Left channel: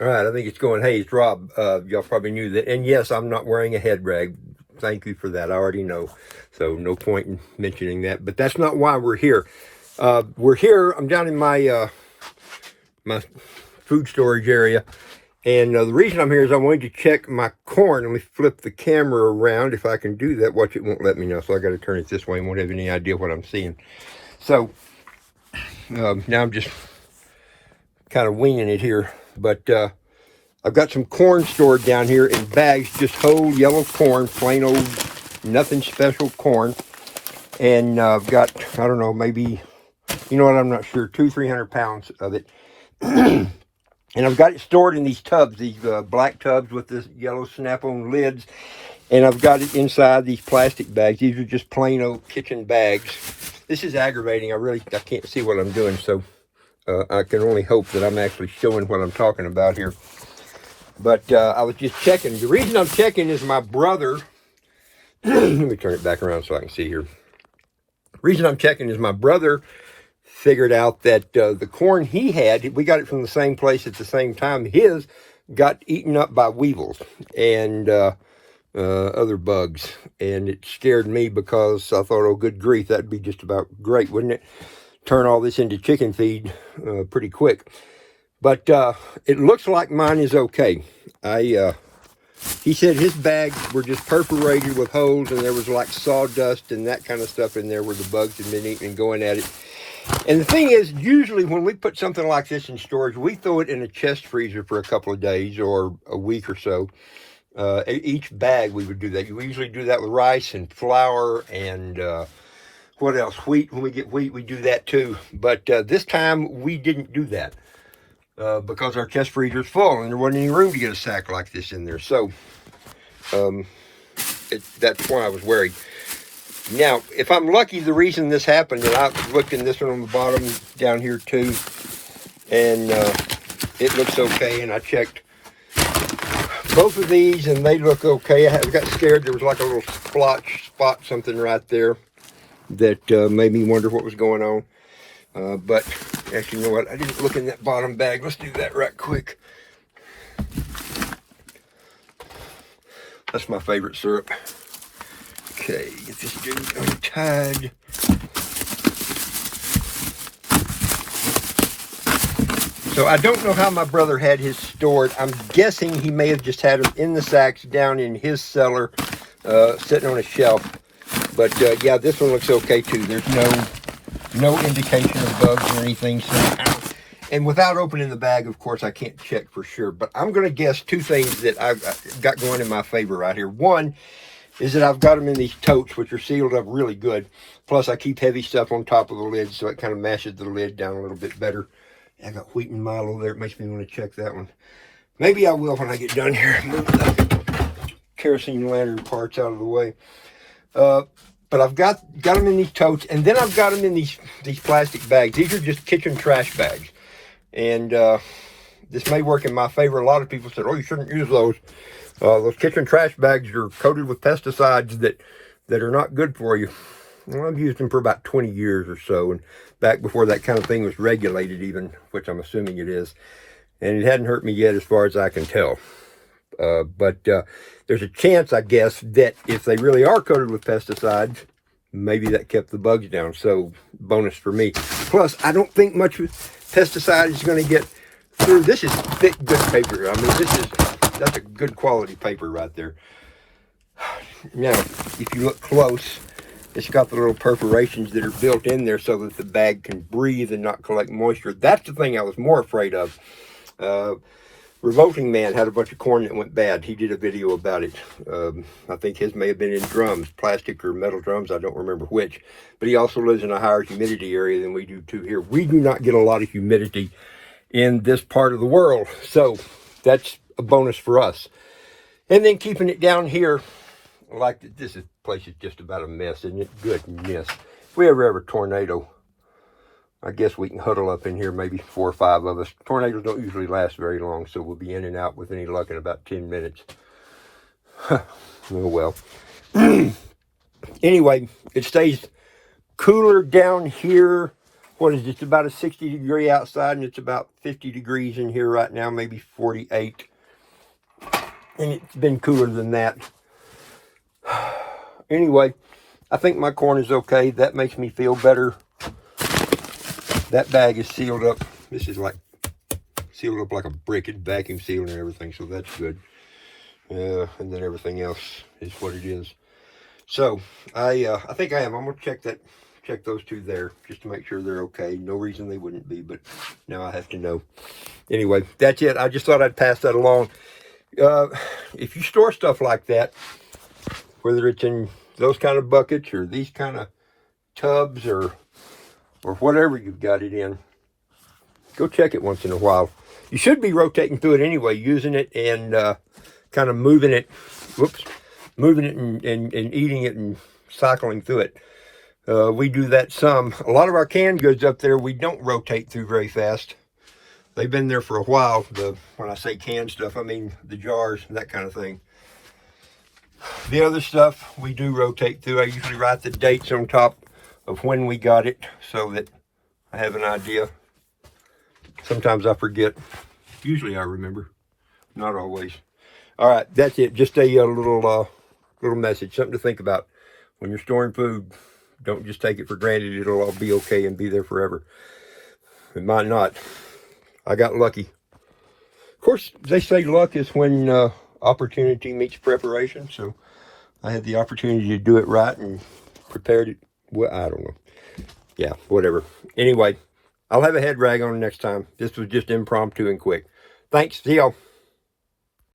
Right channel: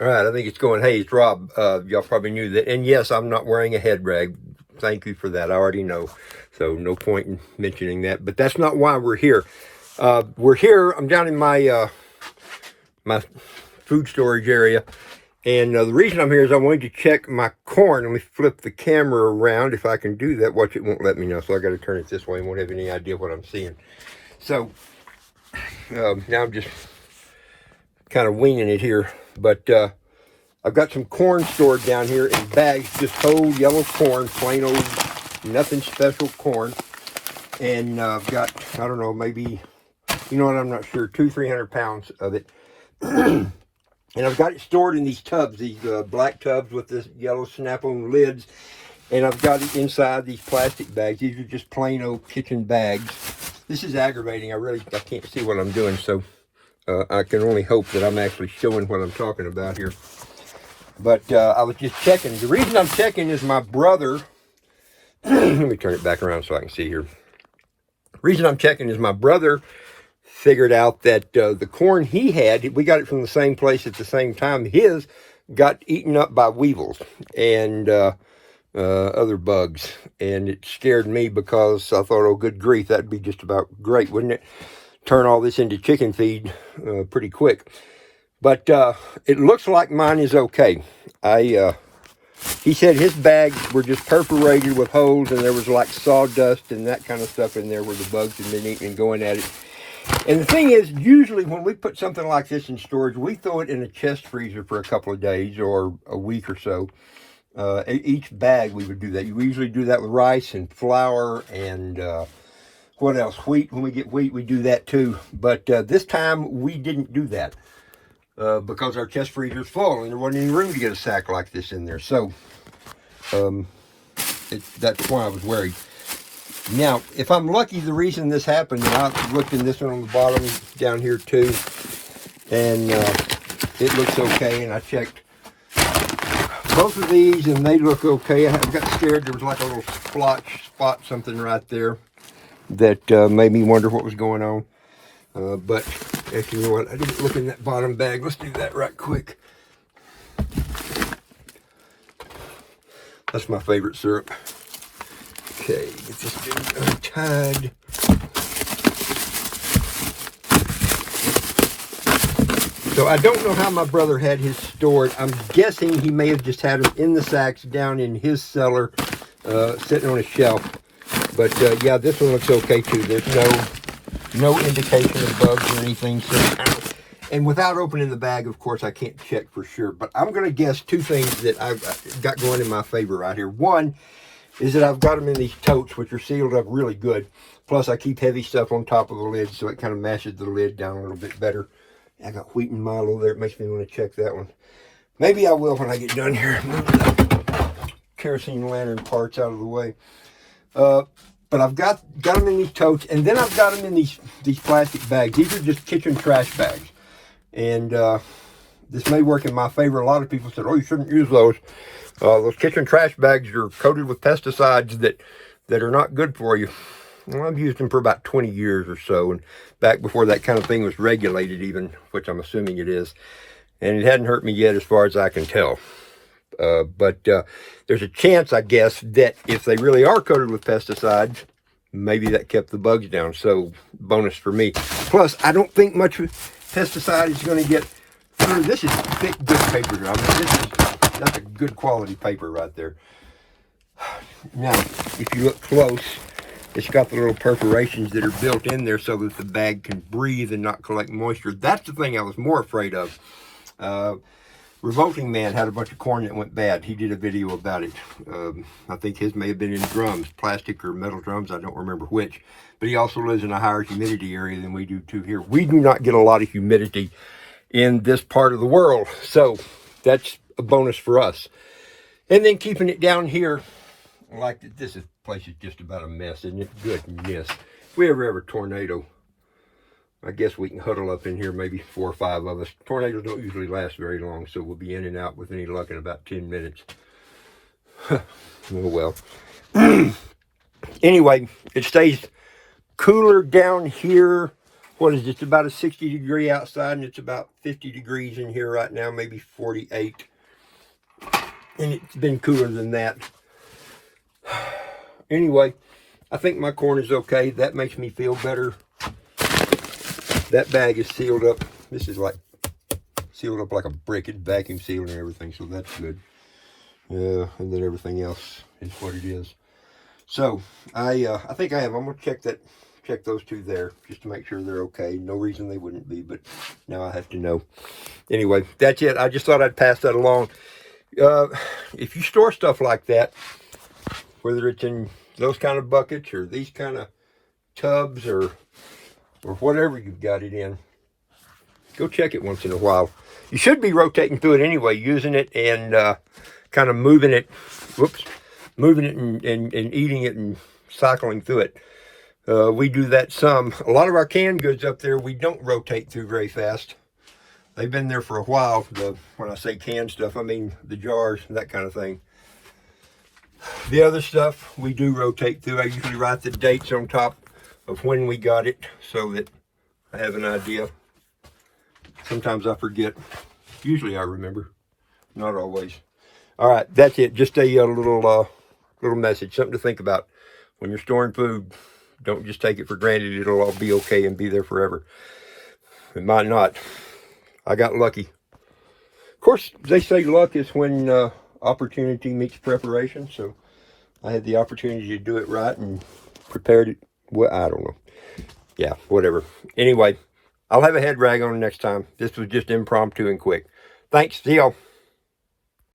All right, I think it's going. Hey, it's Rob. Y'all probably knew that. And yes, I'm not wearing a head rag. Thank you for that. I already know. So no point in mentioning that. But that's not why we're here. We're here. I'm down in my food storage area. And the reason I'm here is I wanted to check my corn. Let me flip the camera around if I can do that. Watch, it won't let me now. So I got to turn it this way and won't have any idea what I'm seeing. So now I'm just kind of winging it here. But I've got some corn stored down here in bags, just whole yellow corn, plain old, nothing special corn. And I've got, I don't know, maybe, you know what, I'm not sure, 200-300 pounds of it. And I've got it stored in these tubs, these black tubs with the yellow snap-on lids. And I've got it inside these plastic bags. These are just plain old kitchen bags. This is aggravating. I can't see what I'm doing, so I can only hope that I'm actually showing what I'm talking about here. But I was just checking. The reason I'm checking is my brother, let me turn it back around so I can see here. The reason I'm checking is my brother figured out that the corn he had, we got it from the same place at the same time, his got eaten up by weevils and other bugs. And it scared me because I thought, oh, good grief, that'd be just about great, wouldn't it? Turn all this into chicken feed pretty quick. But it looks like mine is okay. He said his bags were just perforated with holes, and there was like sawdust and that kind of stuff in there where the bugs had been eating and going at it. And the thing is, usually when we put something like this in storage, we throw it in a chest freezer for a couple of days or a week or so. Each bag we would do that. We usually do that with rice and flour and what else? Wheat. When we get wheat, we do that too. But this time we didn't do that. Because our chest freezer is full and there wasn't any room to get a sack like this in there. So that's why I was worried. Now, if I'm lucky, the reason this happened, and I looked in this one on the bottom down here too, and it looks okay, and I checked both of these and they look okay. I got scared. There was like a little spot, something right there that made me wonder what was going on. But actually, you know what? I didn't look in that bottom bag. Let's do that right quick. That's my favorite syrup. Okay, get this dude untied. So I don't know how my brother had his stored. I'm guessing he may have just had them in the sacks down in his cellar, sitting on a shelf. But yeah, this one looks okay too. There's no indication of bugs or anything. So, and without opening the bag, of course, I can't check for sure. But I'm going to guess two things that I've got going in my favor right here. One is that I've got them in these totes, which are sealed up really good. Plus, I keep heavy stuff on top of the lid, so it kind of mashes the lid down a little bit better. I got wheat and Milo there. It makes me want to check that one. Maybe I will when I get done here. Move the kerosene lantern parts out of the way. But I've got them in these totes, and then I've got them in these plastic bags. These are just kitchen trash bags. And this may work in my favor. A lot of people said, oh, you shouldn't use those. Those kitchen trash bags are coated with pesticides that are not good for you. Well, I've used them for about 20 years or so, and back before that kind of thing was regulated even, which I'm assuming it is. And it hadn't hurt me yet as far as I can tell. But there's a chance, I guess, that if they really are coated with pesticides, maybe that kept the bugs down. So bonus for me. Plus, I don't think much pesticide is going to get through. This is thick, good paper. I mean, that's a good quality paper right there. Now, if you look close, it's got the little perforations that are built in there so that the bag can breathe and not collect moisture. That's the thing I was more afraid of. Revolting Man had a bunch of corn that went bad. He did a video about it. I think his may have been in drums, plastic or metal drums. I don't remember which. But he also lives in a higher humidity area than we do too here. We do not get a lot of humidity in this part of the world. So that's a bonus for us. And then keeping it down here, like this place is just about a mess, isn't it? Goodness. If we ever have a tornado, I guess we can huddle up in here, maybe 4 or 5 of us. Tornadoes don't usually last very long, so we'll be in and out with any luck in about 10 minutes. Oh, well. Anyway, it stays cooler down here what is it? It's about a 60-degree outside, and it's about 50 degrees in here right now, maybe 48. And it's been cooler than that. Anyway, I think my corn is okay. That makes me feel better. That bag is sealed up. This is like sealed up like a brick. It's vacuum sealed and everything, so that's good. And then everything else is what it is. So I think I have. I'm gonna check those two there just to make sure they're okay. No reason they wouldn't be, but now I have to know. Anyway, that's it. I just thought I'd pass that along. If you store stuff like that, whether it's in those kind of buckets or these kind of tubs or whatever you've got it in, go check it once in a while. You should be rotating through it anyway, using it and kind of moving it, moving it and eating it and cycling through it. We do that some. A lot of our canned goods up there, we don't rotate through very fast. They've been there for a while. When I say canned stuff, I mean the jars and that kind of thing. The other stuff we do rotate through. I usually write the dates on top of when we got it so that I have an idea. Sometimes I forget. Usually I remember. Not always. All right, that's it. Just a little message, something to think about. When you're storing food, don't just take it for granted it'll all be okay and be there forever. It might not. I got lucky. Of course, they say luck is when opportunity meets preparation, so I had the opportunity to do it right and prepared it. Well, I don't know. Yeah, whatever. Anyway, I'll have a head rag on next time. This was just impromptu and quick. Thanks. See y'all.